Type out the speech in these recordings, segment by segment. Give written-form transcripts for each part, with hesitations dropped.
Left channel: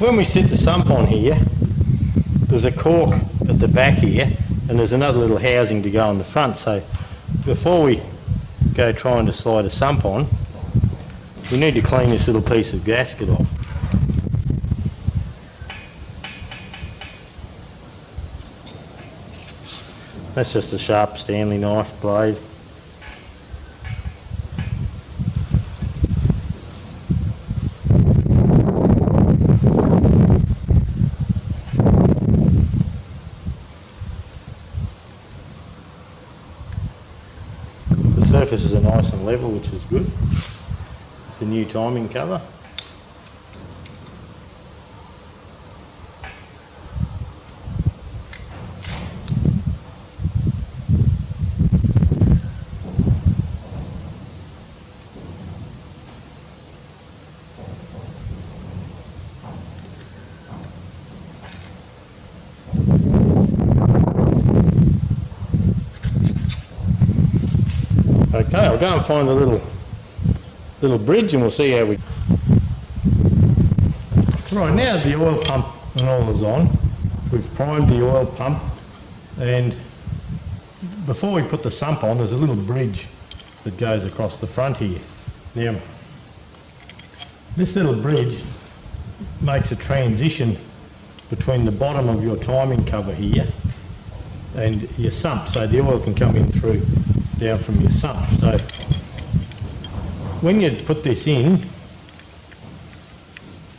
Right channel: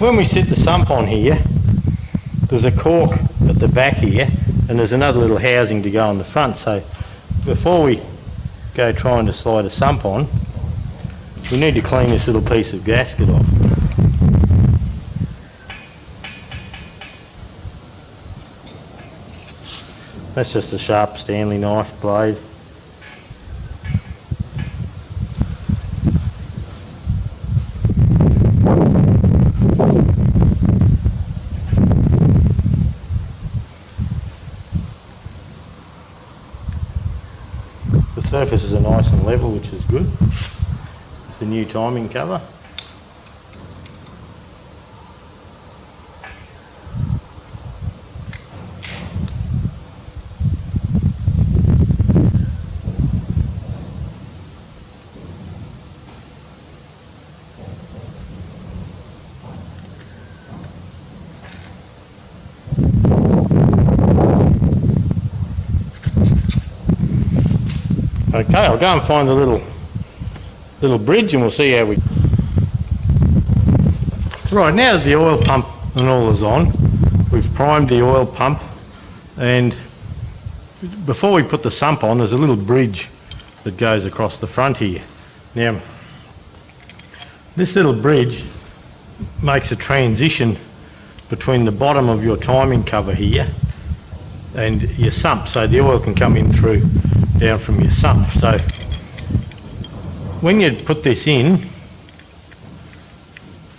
when we sit the sump on here, there's a cork at the back here and there's another little housing to go on the front. So before we go trying to slide a sump on, we need to clean this little piece of gasket off. That's just a sharp Stanley knife blade. The surfaces are nice and level, which is good. It's the new timing cover. Okay, I'll go and find the little bridge and we'll see how we... Right, now the oil pump and all is on, we've primed the oil pump, and before we put the sump on there's a little bridge that goes across the front here. Now, this little bridge makes a transition between the bottom of your timing cover here and your sump, so the oil can come in through down from your sump. So when you put this in,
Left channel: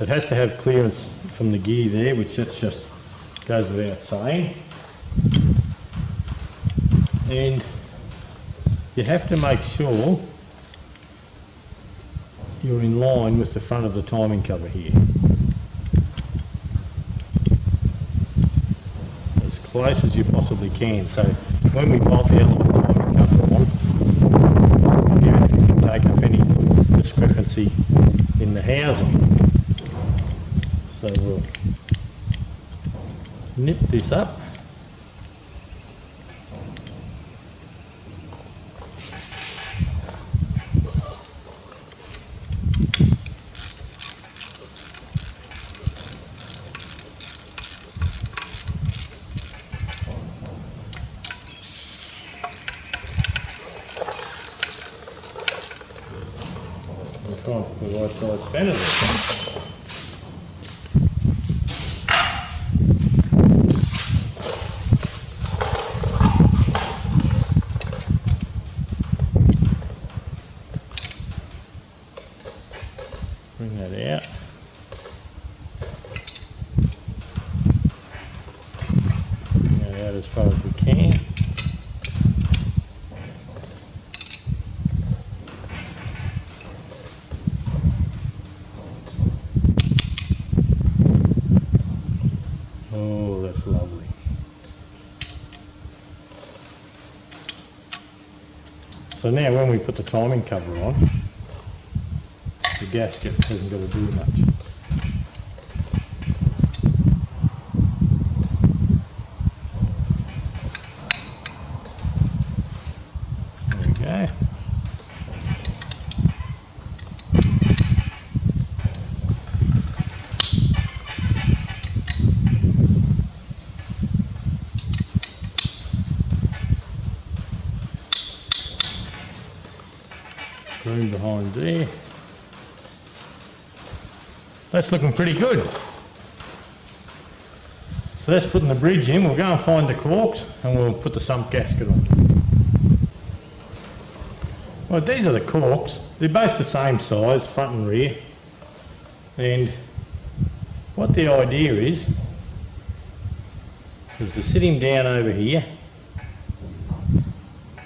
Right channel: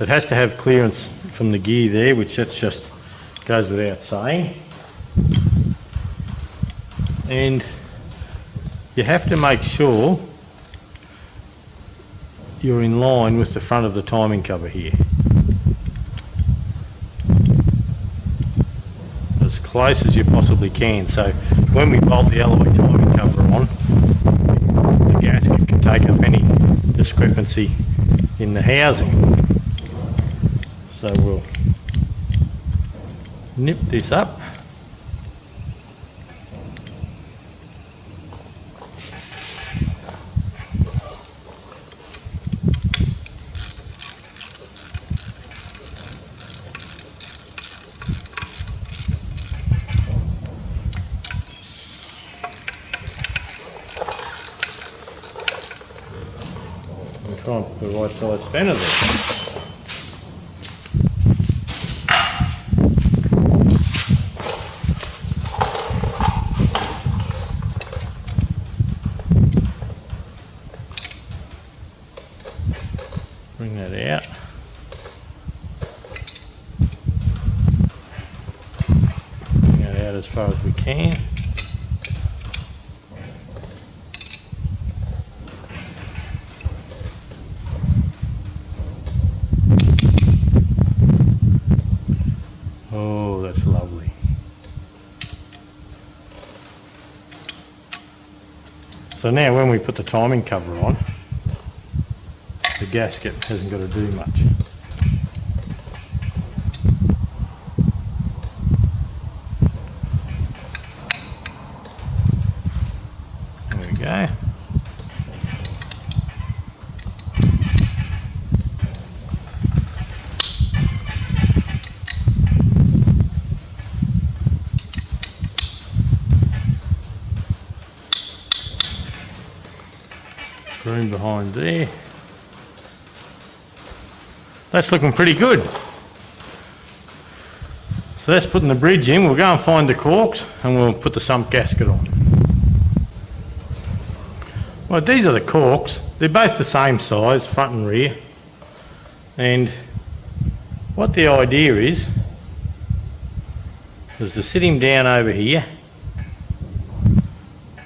it has to have clearance from the gear there, which that's just goes without saying. And you have to make sure you're in line with the front of the timing cover here, as close as you possibly can. So when we bolt the alloy timing cover on, the gasket can take up any discrepancy in the housing. So we'll nip this up. Try and put the right side spanner there. Bring that out. Bring that out as far as we can. Oh, that's lovely. So now when we put the timing cover on, the gasket hasn't got to do much. There we go. Room behind there. That's looking pretty good. So that's putting the bridge in. We'll go and find the corks and we'll put the sump gasket on. Well, these are the corks. They're both the same size, front and rear. And what the idea is to sit him down over here.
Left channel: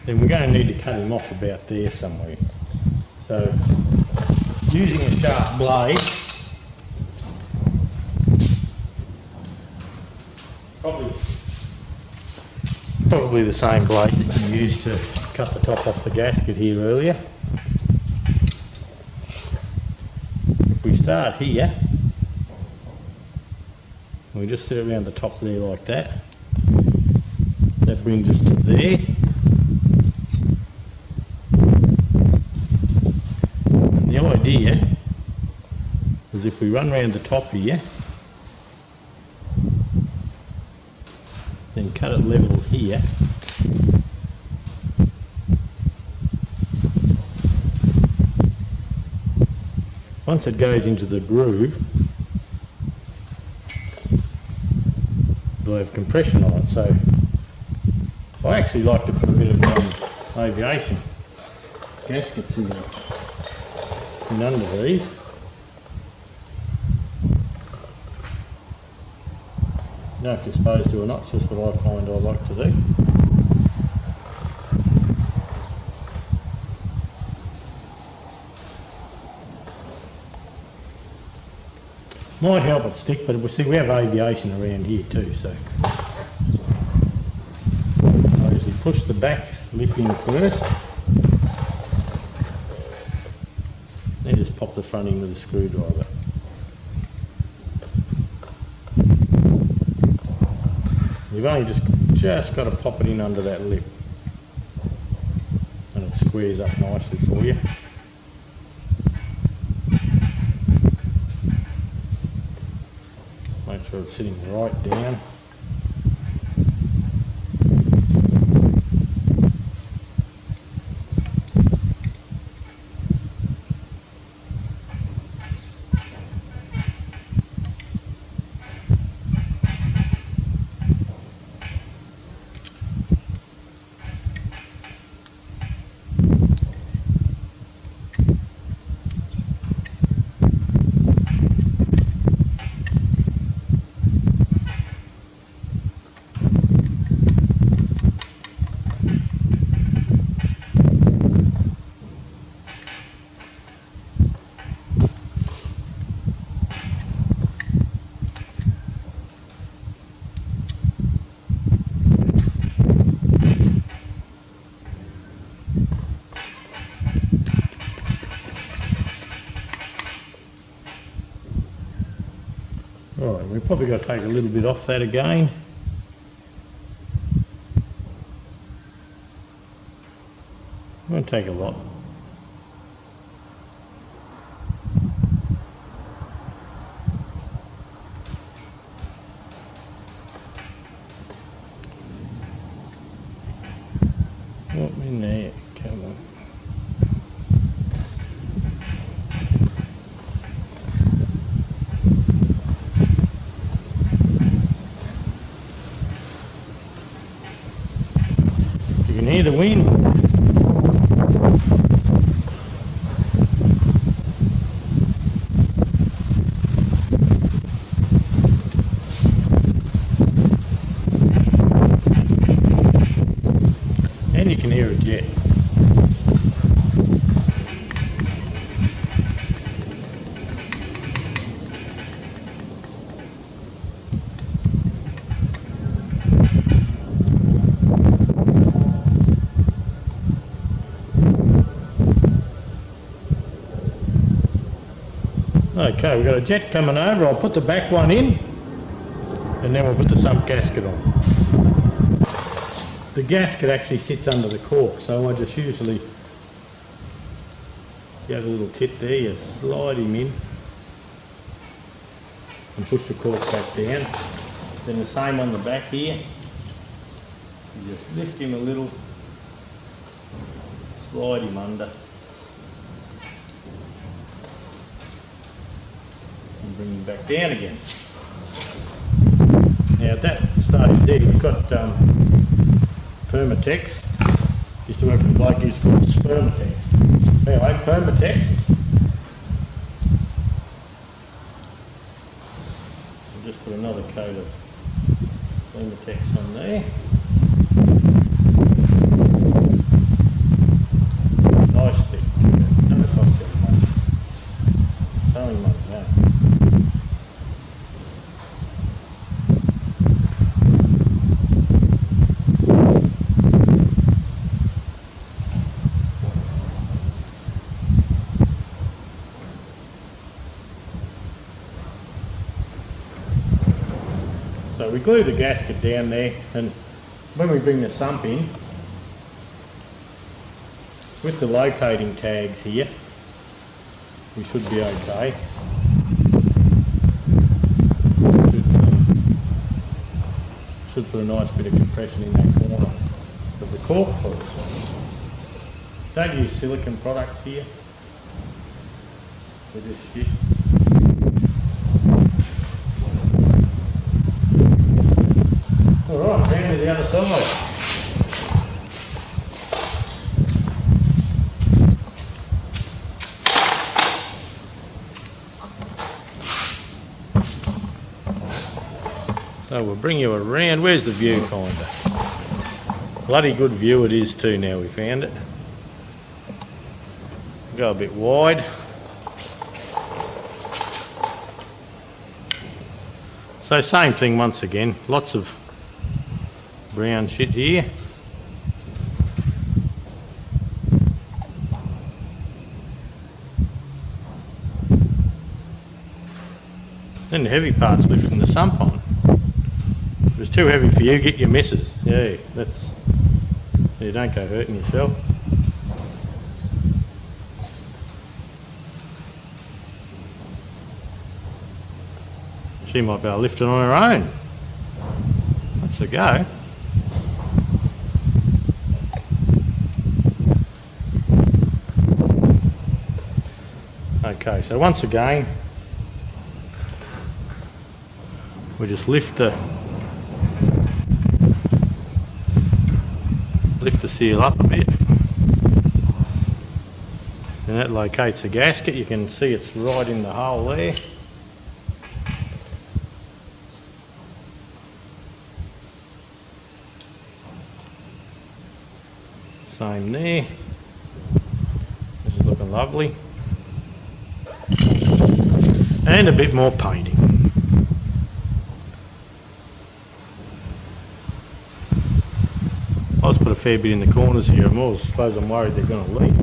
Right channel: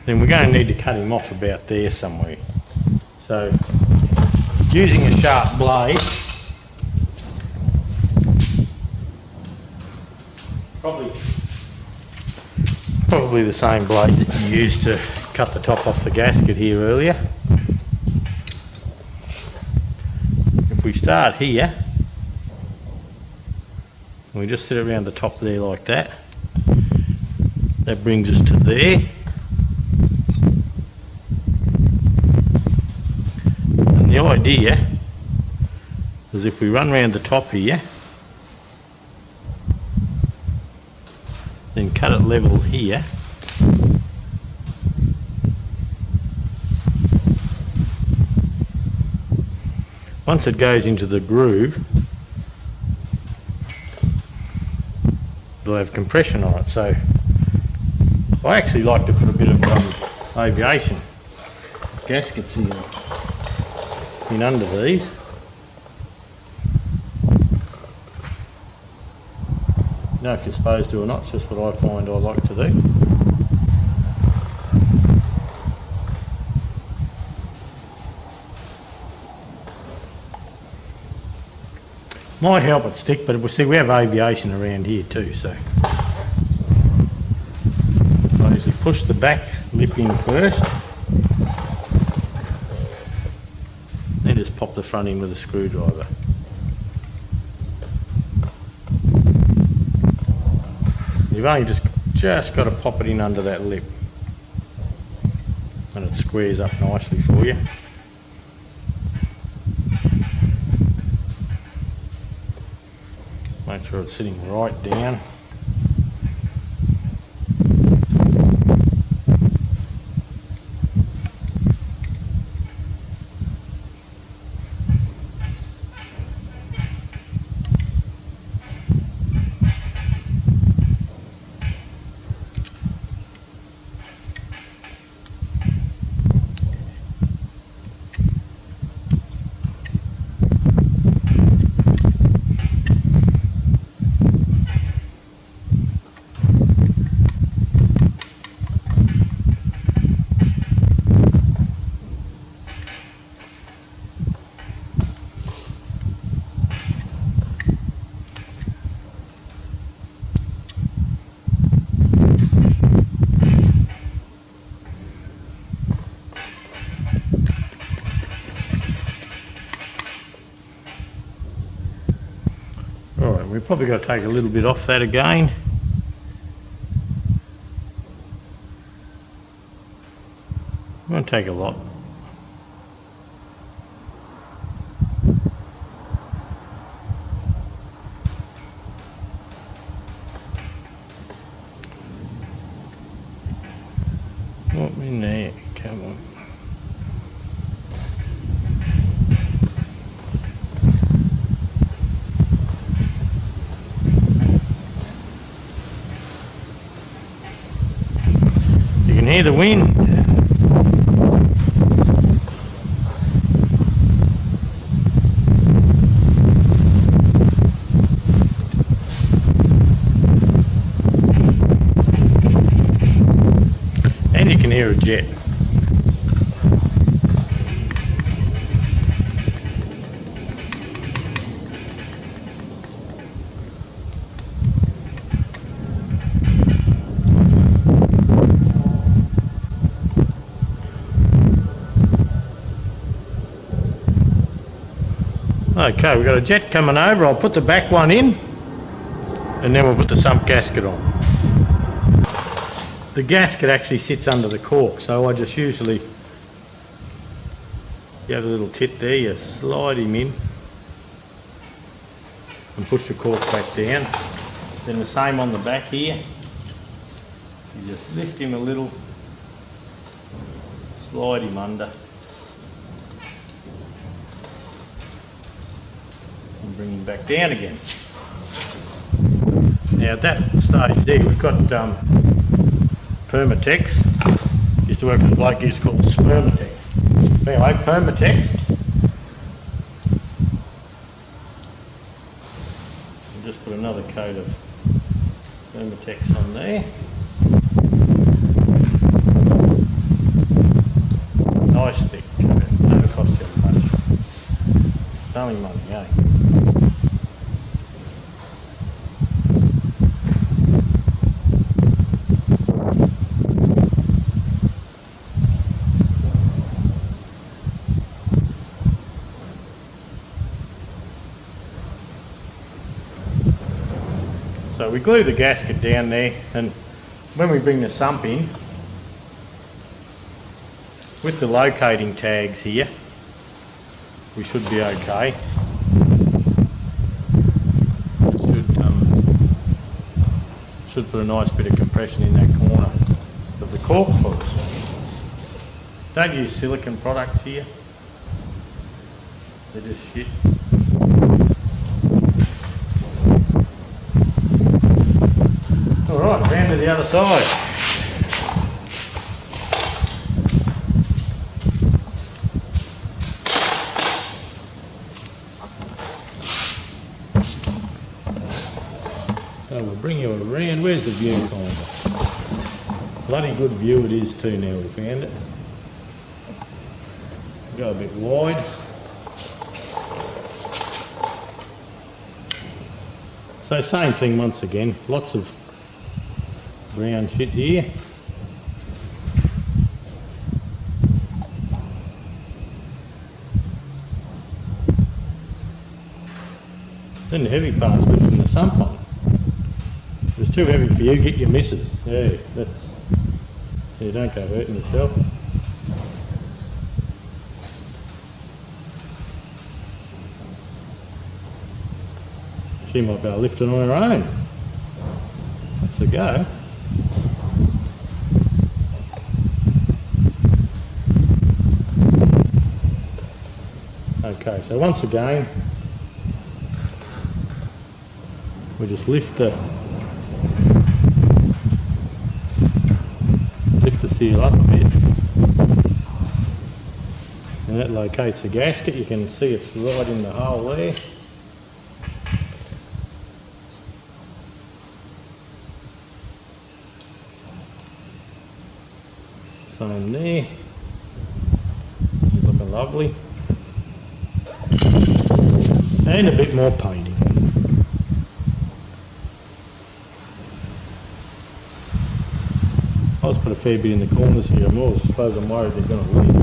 Then we're going to need to cut him off about there somewhere. So, using a sharp blade, probably the same blade that you used to cut the top off the gasket here earlier. If we start here, we just sit around the top there like that, that brings us to there. The idea is if we run around the top here, then cut it level here. Once it goes into the groove, it'll have compression on it, so I actually like to put a bit of aviation gaskets in under these. You know if you're supposed to or not, it's just what I find I like to do. Might help it stick, but we have aviation around here too, so I usually push the back lip in first, then just pop the front in with a screwdriver. You've only just got to pop it in under that lip, and it squares up nicely for you. Make sure it's sitting right down. Alright, we've probably got to take a little bit off that again. I'm going to take a lot. What in there? Come on. You can hear the wind. And you can hear a jet. Okay, we've got a jet coming over. I'll put the back one in and then we'll put the sump gasket on. The gasket actually sits under the cork, so I just usually, you have a little tit there, you slide him in and push the cork back down. Then the same on the back here, you just lift him a little, slide him under and bring him back down again. Now at that stage there we've got Permatex. Used to work with a bloke who used to call it Spermatex. Anyway, Permatex. I'll just put another coat of Permatex on there. Nice thick. Never cost you much. It's only money, eh? So we glue the gasket down there, and when we bring the sump in, with the locating tags here, we should be okay. Should put a nice bit of compression in that corner of the cork for us. Don't use silicone products here. They're just shit. Alright, round to the other side. So we'll bring you around. Where's the viewfinder? Bloody good view it is too now we found it. Go a bit wide. So same thing once again, lots of brown shit here. Then the heavy part's lifting the sump on. If it's too heavy for you, get your missus. Yeah, that's, so you don't go hurting yourself. She might be able to lift it on her own. That's the go. Okay, so once again, we just lift the seal up a bit, and that locates the gasket. You can see it's right in the hole there. Same there. This is looking lovely. And a bit more painting. I'll just put a fair bit in the corners here. I suppose I'm worried they're going to leak.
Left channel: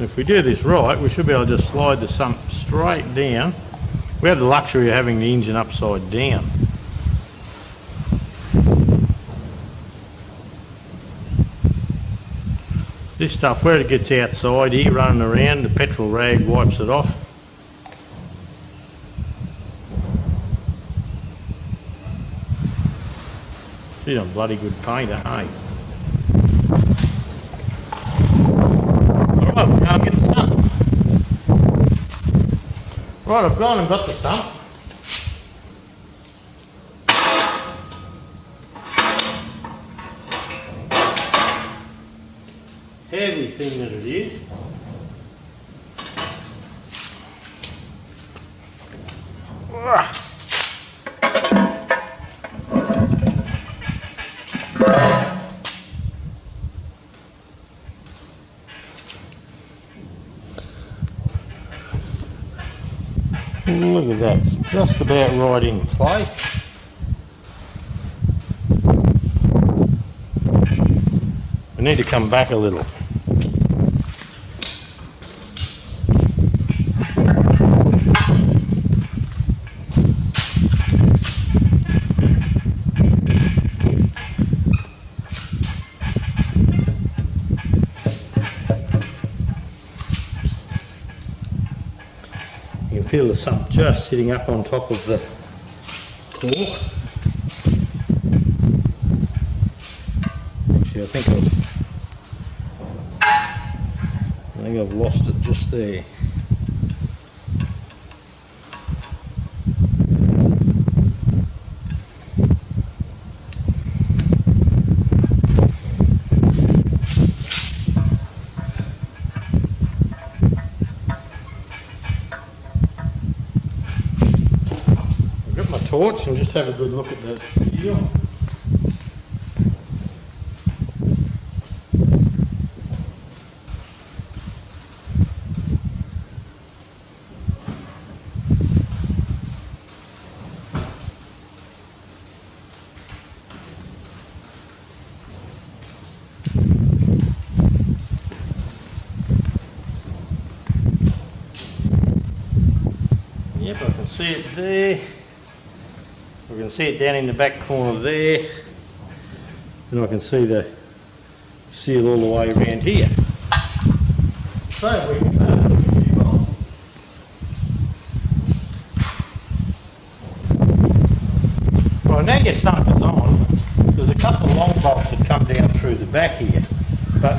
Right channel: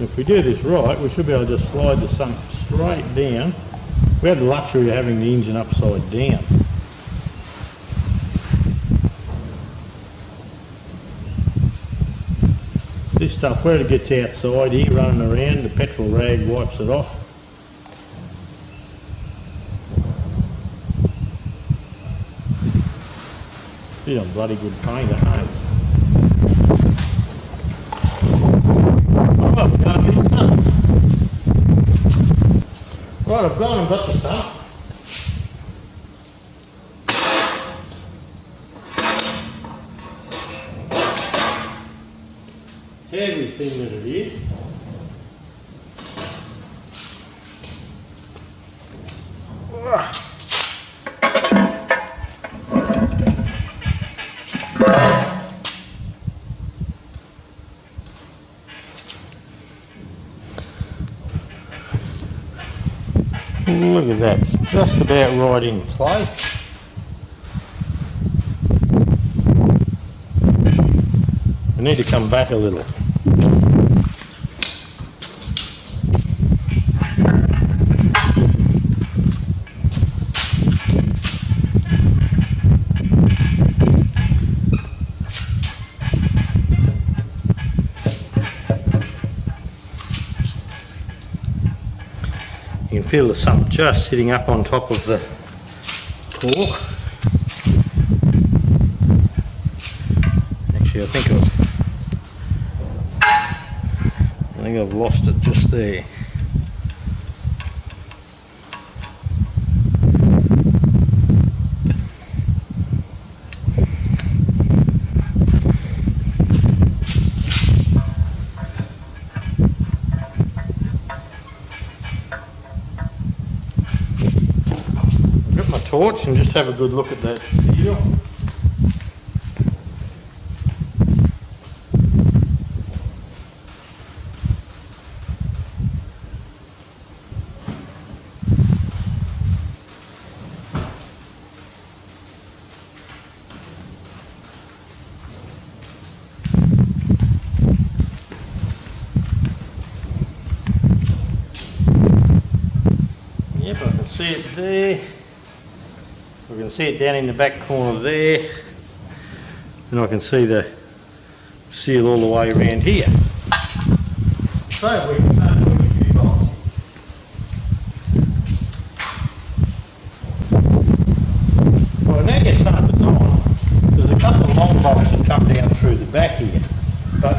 If we do this right, we should be able to just slide the sump straight down. We have the luxury of having the engine upside down. This stuff, where it gets outside here, running around, the petrol rag wipes it off. You're a bloody good painter, hey? Alright, we'll go and get the sump. Right, I've gone and got the sump. Heavy thing that it is. Look at that, it's just about right in place. We need to come back a little. You can feel the sump just sitting up on top of the cork. Actually, I think I've lost it just there. Torch and just have a good look at that video. Yep, I can see it there. We can see it down in the back corner there. and I can see the seal all the way around here. So we can start putting a few bolts. Well, now your sump is on, there's a couple of long bolts that come down through the back here, but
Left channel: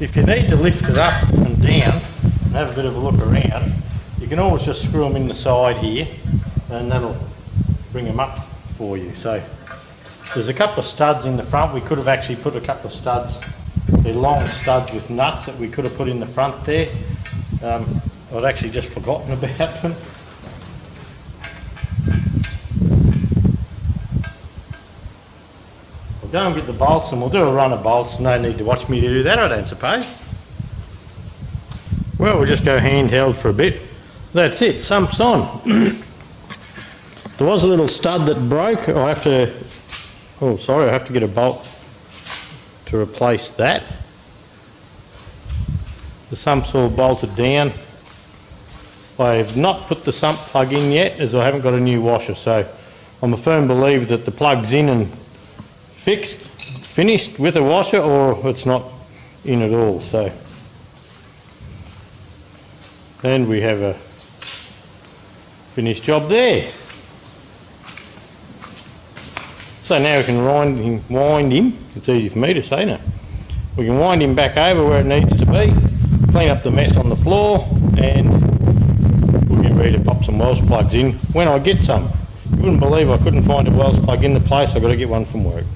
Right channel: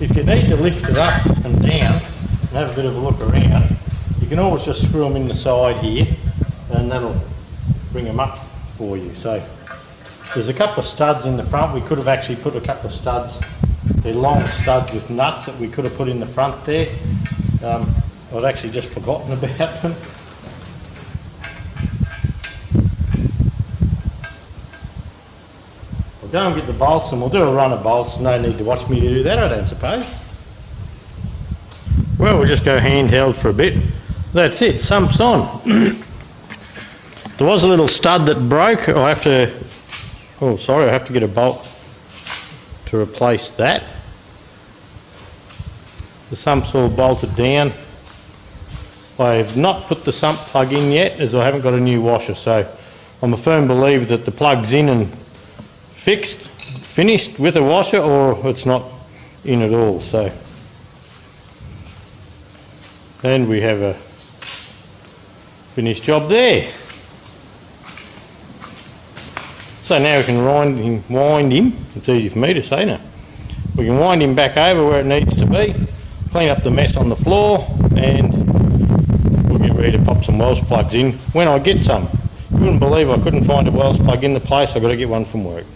if you need to lift it up and down and have a bit of a look around, you can always just screw them in the side here and that'll bring them up for you. So there's a couple of studs in the front. We could have actually put a couple of studs, they're long studs with nuts that we could have put in the front there. I'd actually just forgotten about them. We'll go and get the bolts and we'll do a run of bolts. No need to watch me to do that, I don't suppose. Well, we'll just go handheld for a bit. That's it, sump's on. There was a little stud that broke. I have to get a bolt to replace that. The sump's all bolted down. I have not put the sump plug in yet as I haven't got a new washer, so I'm a firm believer that the plug's in and finished with a washer, or it's not in at all. So, and we have a finished job there. So now we can wind him, it's easy for me to say now, we can wind him back over where it needs to be, clean up the mess on the floor, and we'll get ready to pop some Welsh plugs in when I get some. You wouldn't believe I couldn't find a Welsh plug in the place. I've got to get one from work.